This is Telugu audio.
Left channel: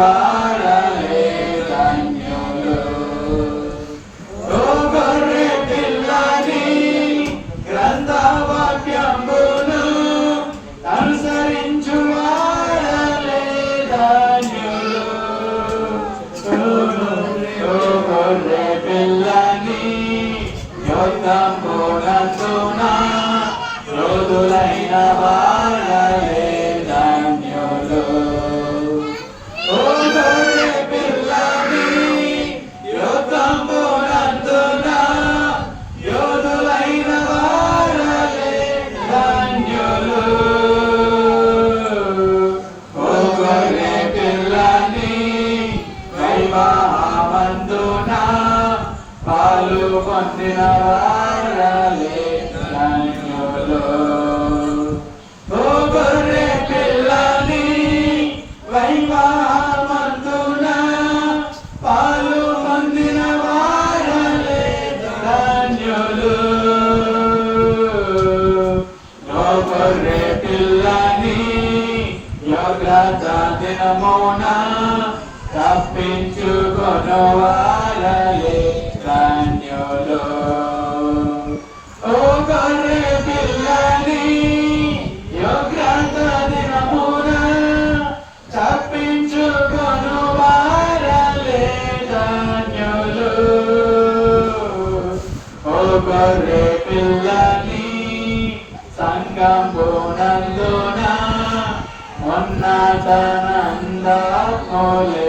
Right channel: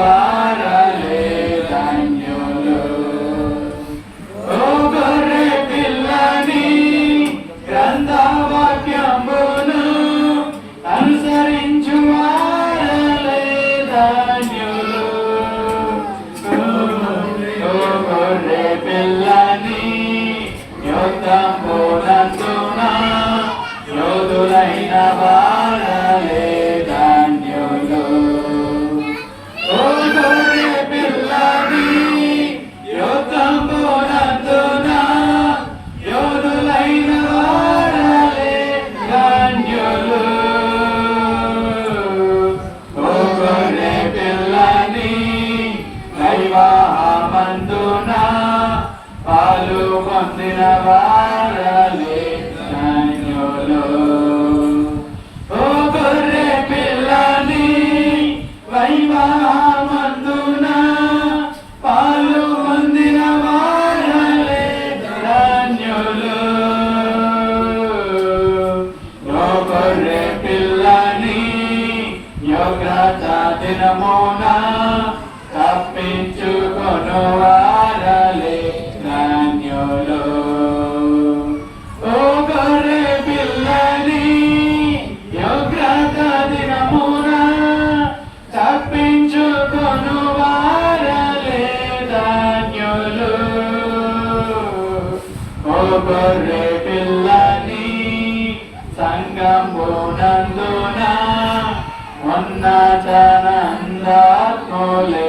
అనుసరించువారలే ధన్యులు. ఓ గొర్రె పిల్లని గ్రంథవాక్యంబును అనుసరించువారలే ధన్యులు. ఓ గొర్రె పిల్లని యుద్ధంబునందున యోధులైన వారలే ధన్యులు. ఓ గొర్రె పిల్లని యుద్ధంబునందున యోధులైన వారలే ధన్యులు. ఓ గొర్రె పిల్లని వైవాహమందున పాలు పొందిన వారలే ధన్యులు. ఓ గొర్రె పిల్లని వైవాహమందున పాలు పొందిన వారలే ధన్యులు. ఓ గొర్రె పిల్లని యోగ్యత దినమున తప్పించుకొను వారలే ధన్యులు. ఓ గొర్రె పిల్లని యోగ్యత దినమున తప్పించుకొను వారలే ధన్యులు. ఓ గొర్రె పిల్లని సంగంబునందున ఉన్నతనందాత్ములే